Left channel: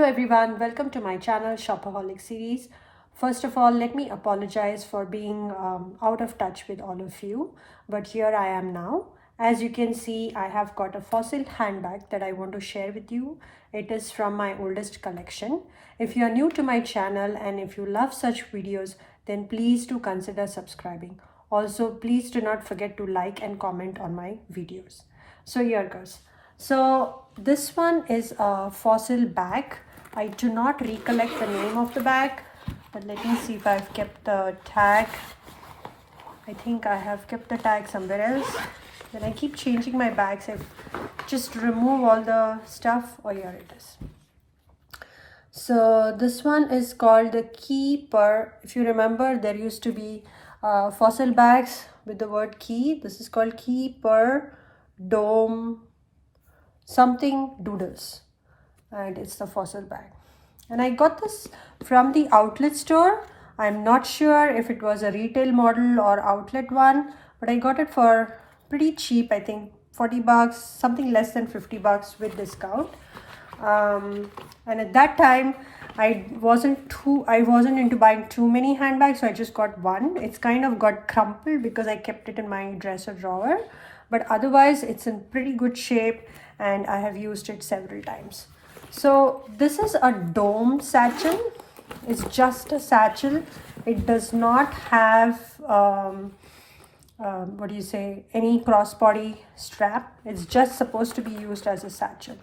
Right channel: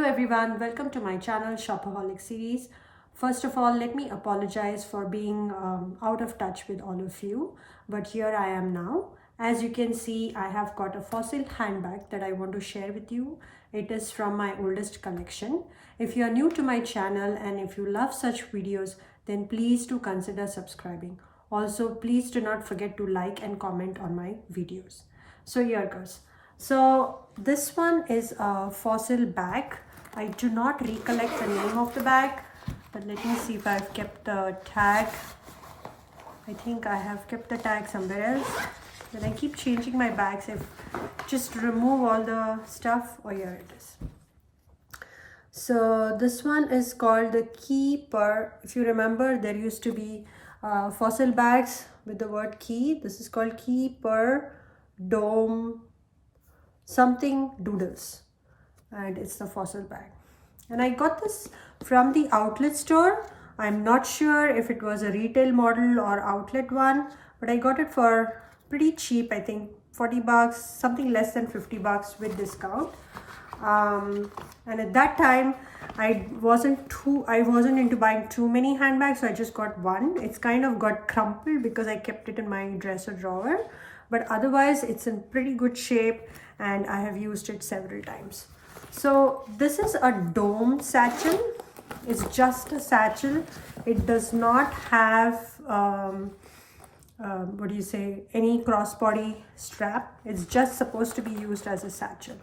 Hello everyone, welcome to my channel Shopaholic series. First of all, let me apologize for being out of touch with all of you, but here I am now. As you can see, I have got a fossil handbag that I want to share with you. It is from my oldest collection. If you are new to my channel and if you love such videos, then please do consider subscribing. Also, please do not forget to like and comment on my videos. So here goes. So this one is a fossil bag. I do not recollect the name of the bag, but let me see if I've kept the tag. I think I have kept the tag somewhere else. When I keep changing my bags, I just remove all the stuff. Oh, here it is. So this one is called the Keeper. If you remember, there used to be fossil bags with the word key. This is called Keeper Dome something doodles, and it's the fossil bag. And I got this from the outlet store. I'm not sure if it was a retail model or outlet one, but I got it for pretty cheap. I think 40 bucks, something less than 50 bucks with discount. And at that time I wasn't into buying too many handbags, so I just got one. It's kind of got crumpled because I kept it in my dresser drawer, but otherwise it's in pretty good shape and I have used it several times. So this is a dome satchel. It's just a satchel. It does not have any crossbody strap. It's just supposed to be used as a satchel.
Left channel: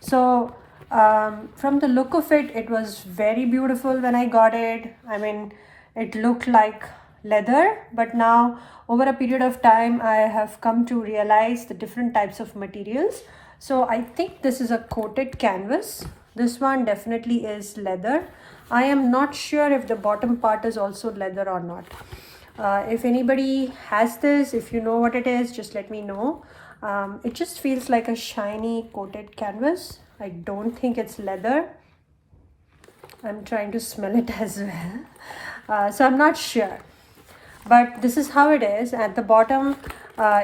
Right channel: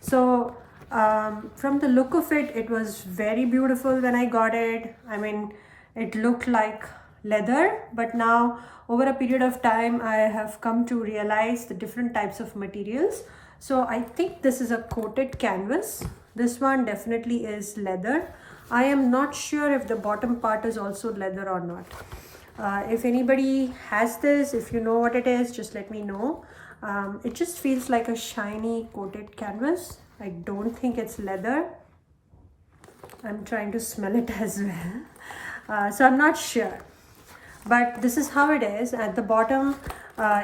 So from the look of it, it was very beautiful when I got it. I mean, it looked like leather, but now over a period of time I have come to realize the different types of materials. So I think this is a coated canvas. This one definitely is leather. I am not sure if the bottom part is also leather or not. If anybody has this, if you know what it is, just let me know. It just feels like a shiny coated canvas. I don't think it's leather. I'm trying to smell it as well. So I'm not sure. But this is how it is. At the bottom,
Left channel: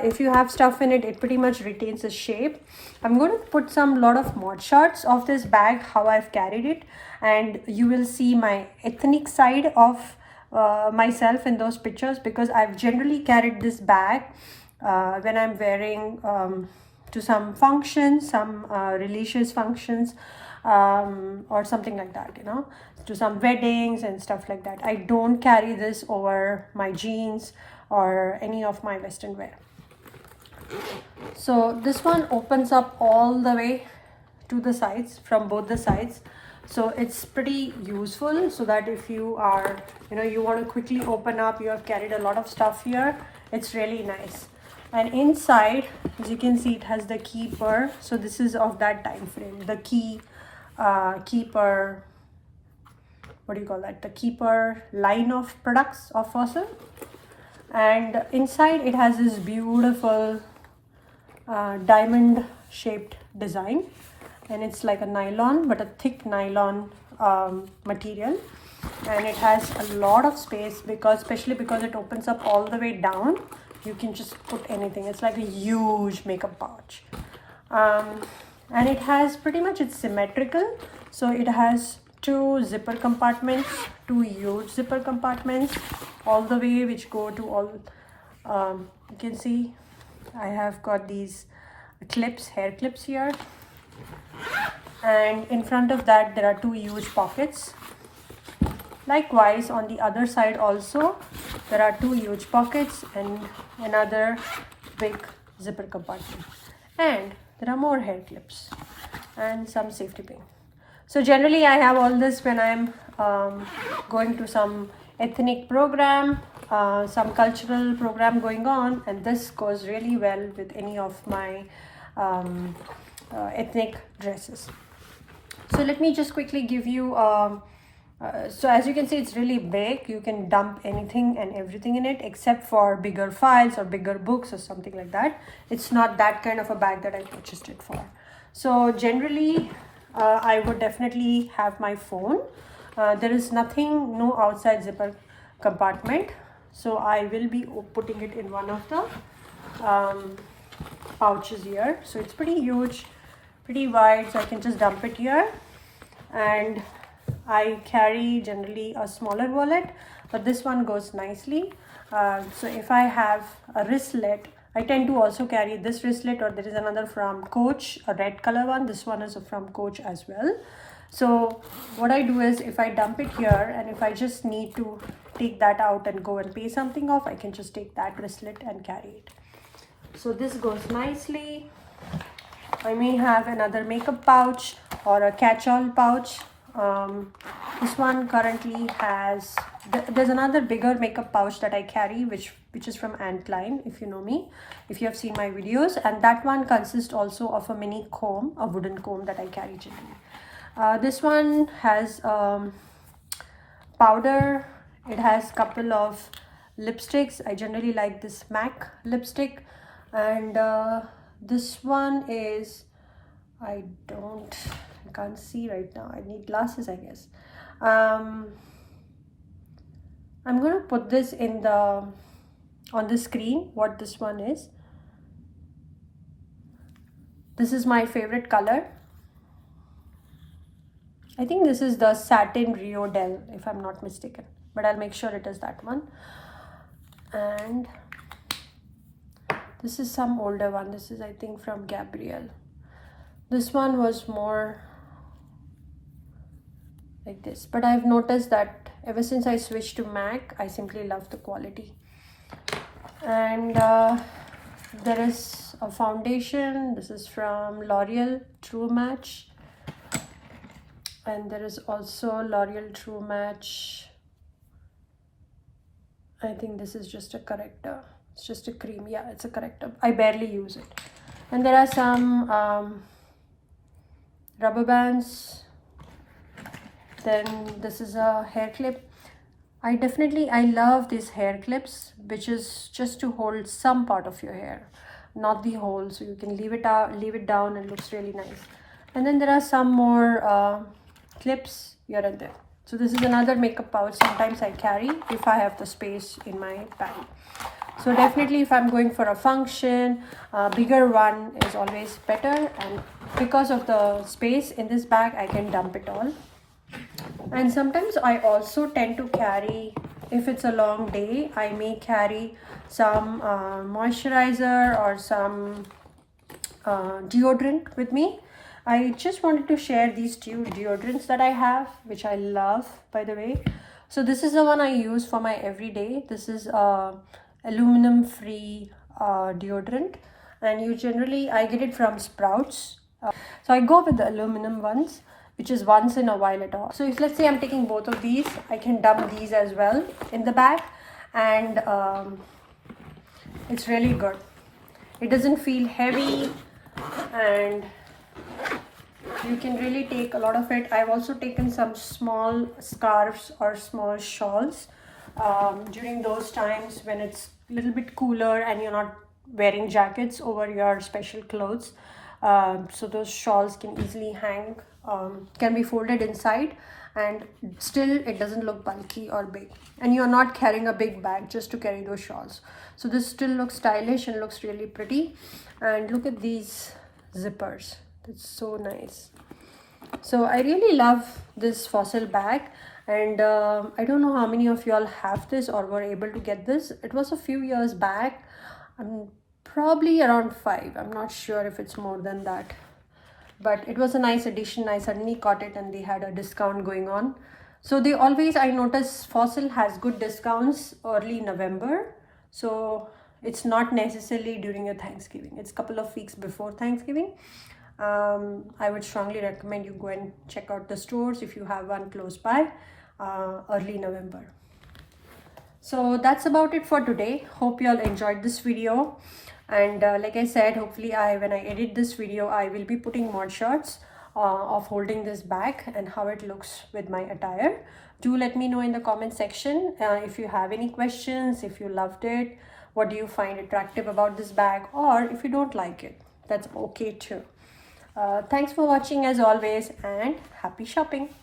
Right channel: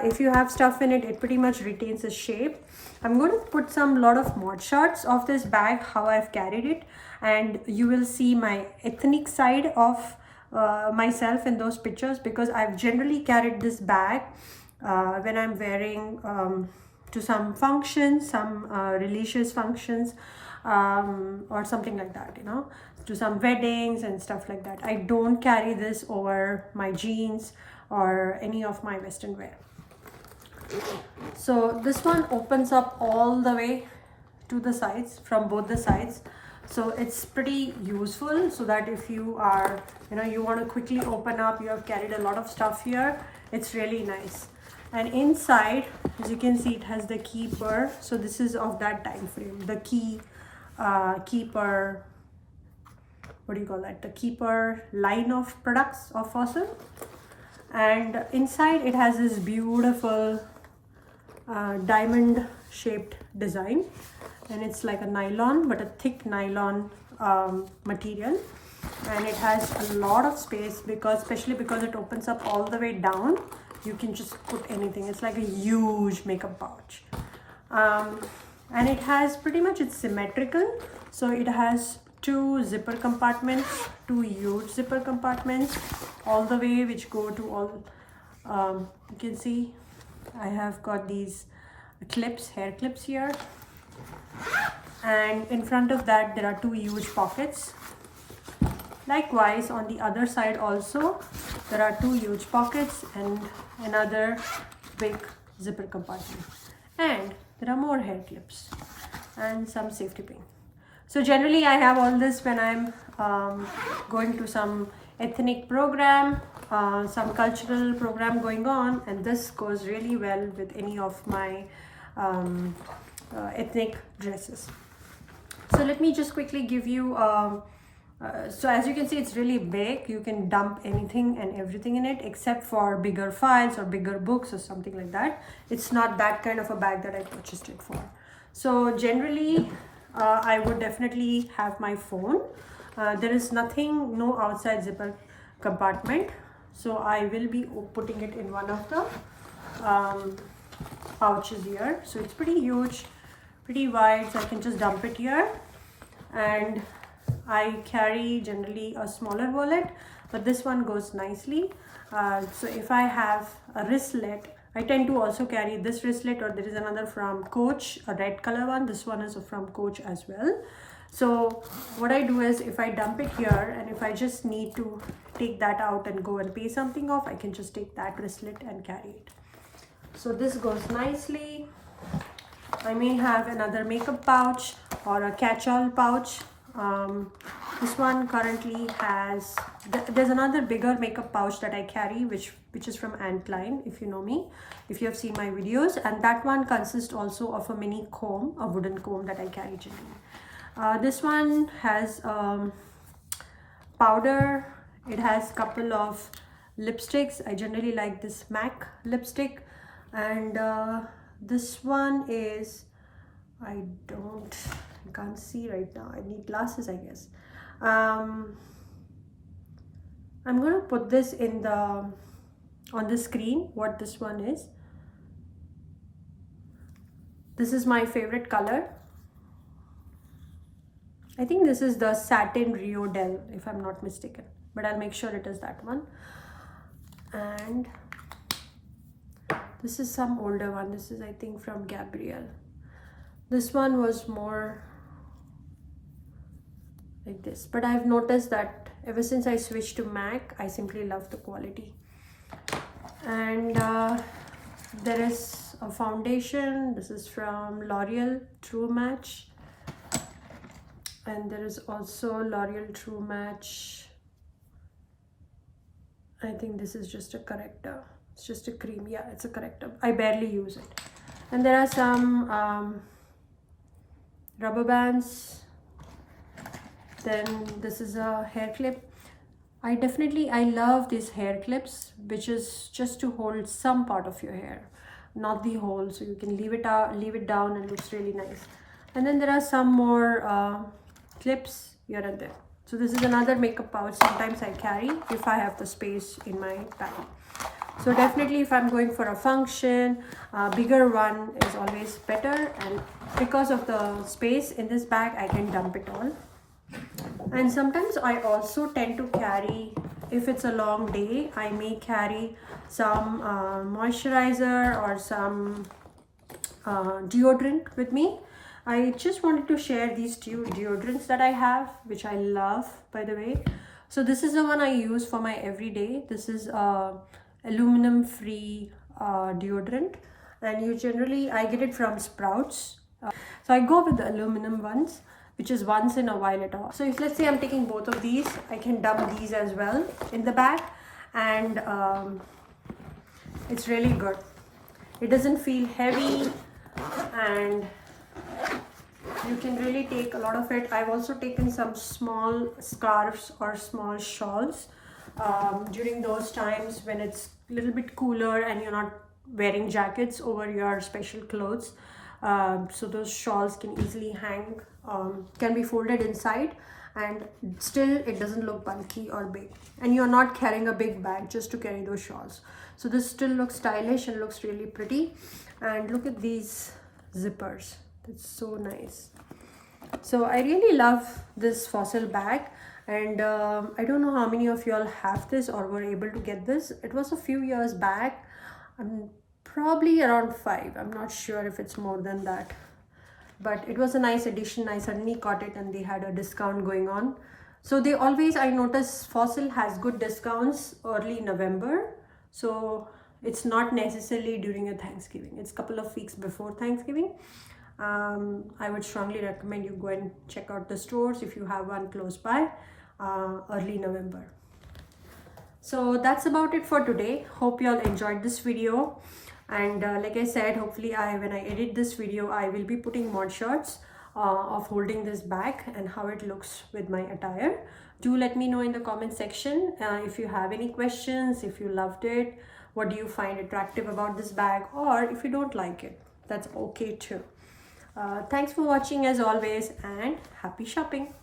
if you have stuff in it, it pretty much retains the shape. I'm going to put lot of mod shots of this bag, how I've carried it, and you will see my ethnic side of myself in those pictures, because I've generally carried this bag when I'm wearing to some functions, some religious functions, or something like that, to some weddings and stuff like that. I don't carry this over my jeans or any of my western wear. So this one opens up all the way to the sides, from both the sides. So it's pretty useful, so that if you are, you want to quickly open up, you have carried a lot of stuff here, it's really nice. And inside, as you can see, it has the Keeper. So this is of that time frame, the Keeper, what do you call that, the Keeper line of products of Fossil. And inside it has this beautiful diamond shaped design, and it's like a nylon, but a thick nylon material, and it has a lot of space, especially because it opens up all the way down. You can just put anything. It's like a huge makeup pouch, and it has pretty much, it's symmetrical. So it has two zipper compartments, two huge zipper compartments all the way, which go to all, you can see I have got these clips, hair clips here, and in front of that there are two huge pockets. Likewise, on the other side also there are two huge pockets and another big zipper compartment, and there are more hair clips and some safety pin. So generally I have all this when I'm going to some ethnic program, some cultural program going on, and this goes really well with any of my ethnic dresses. So let me just quickly give you, so as you can see, it's really big. You can dump anything and everything in it, except for bigger files or bigger books or something like that. It's not that kind of a bag that I purchased it for. So generally I would definitely have my phone. There is no outside zipper compartment, so I will be putting it in one of the pouches here. So it's pretty huge, pretty wide, so I can just dump it here. and I carry generally a smaller wallet, but this one goes nicely. So if I have a wristlet, I tend to also carry this wristlet, or there is another from Coach, a red color one. This one is from Coach as well. So what I do is, if I dump it here and if I just need to take that out and go and pay something off, I can just take that wristlet and carry it. So this goes nicely. I may have another makeup pouch or a catch-all pouch. This one currently has, there's another bigger makeup pouch that I carry, which is from Anne Klein, if you know me, if you have seen my videos, and that one consists also of a mini comb, a wooden comb that I carry generally. This one has powder. It has couple of lipsticks. I generally like this MAC lipstick, and this one is, I can't see right now. I need glasses, I guess. I'm gonna put this on the screen what this one is. This is my favorite color. I think this is the Satin Rio Del, if I'm not mistaken, but I'll make sure it is that one. And this is some older one. This is, I think, from Gabrielle. This one was more like this, but I've noticed that ever since I switched to MAC, I simply love the quality. And there is a foundation. This is from L'Oreal True Match, and there is also L'Oreal True Match. I think this is just a corrector. It's just a cream. Yeah, it's a corrector. I barely use it. And there are some rubber bands. Then this is a hair clip. I love these hair clips, which is just to hold some part of your hair, not the whole, so you can leave it down, and it looks really nice. And then there are some more clips here and there. So this is another makeup pouch sometimes I carry if I have the space in my bag. So definitely, if I'm going for a function, a bigger one is always better, and because of the space in this bag, I can dump it all. And sometimes I also tend to carry, if it's a long day, I may carry some moisturizer or some deodorant with me. I just wanted to share these two deodorants that I have, which I love, by the way. So this is the one I use for my everyday. This is aluminum free deodorant, and I get it from Sprouts. So I go with the aluminum ones, which is once in a while at all. So if, let's say, I'm taking both of these, I can dump these as well in the bag, and it's really good. It doesn't feel heavy, and you can really take a lot of it. I've also taken some small scarves or small shawls during those times when it's a little bit cooler and you're not wearing jackets over your special clothes. So those shawls can easily hang, can be folded inside, and still it doesn't look bulky or big, and you're not carrying a big bag just to carry those shawls. So this still looks stylish and looks really pretty. And look at these zippers. It's so nice. So I really love this Fossil bag, and I don't know how many of y'all have this or were able to get this. It was a few years back. Probably around 5. I'm not sure if it's more than that, but it was a nice addition. I suddenly caught it and they had a discount going on. So they always, I notice Fossil has good discounts early November. So it's not necessarily during a Thanksgiving. It's a couple of weeks before Thanksgiving. I would strongly recommend you go and check out the stores if you have one close by early November. So that's about it for today. Hope you all enjoyed this video. And like I said, hopefully when I edit this video, I will be putting more shots of holding this bag and how it looks with my attire. Do let me know in the comment section if you have any questions, if you loved it, what do you find attractive about this bag, or if you don't like it, that's okay too. Thanks for watching as always, and happy shopping.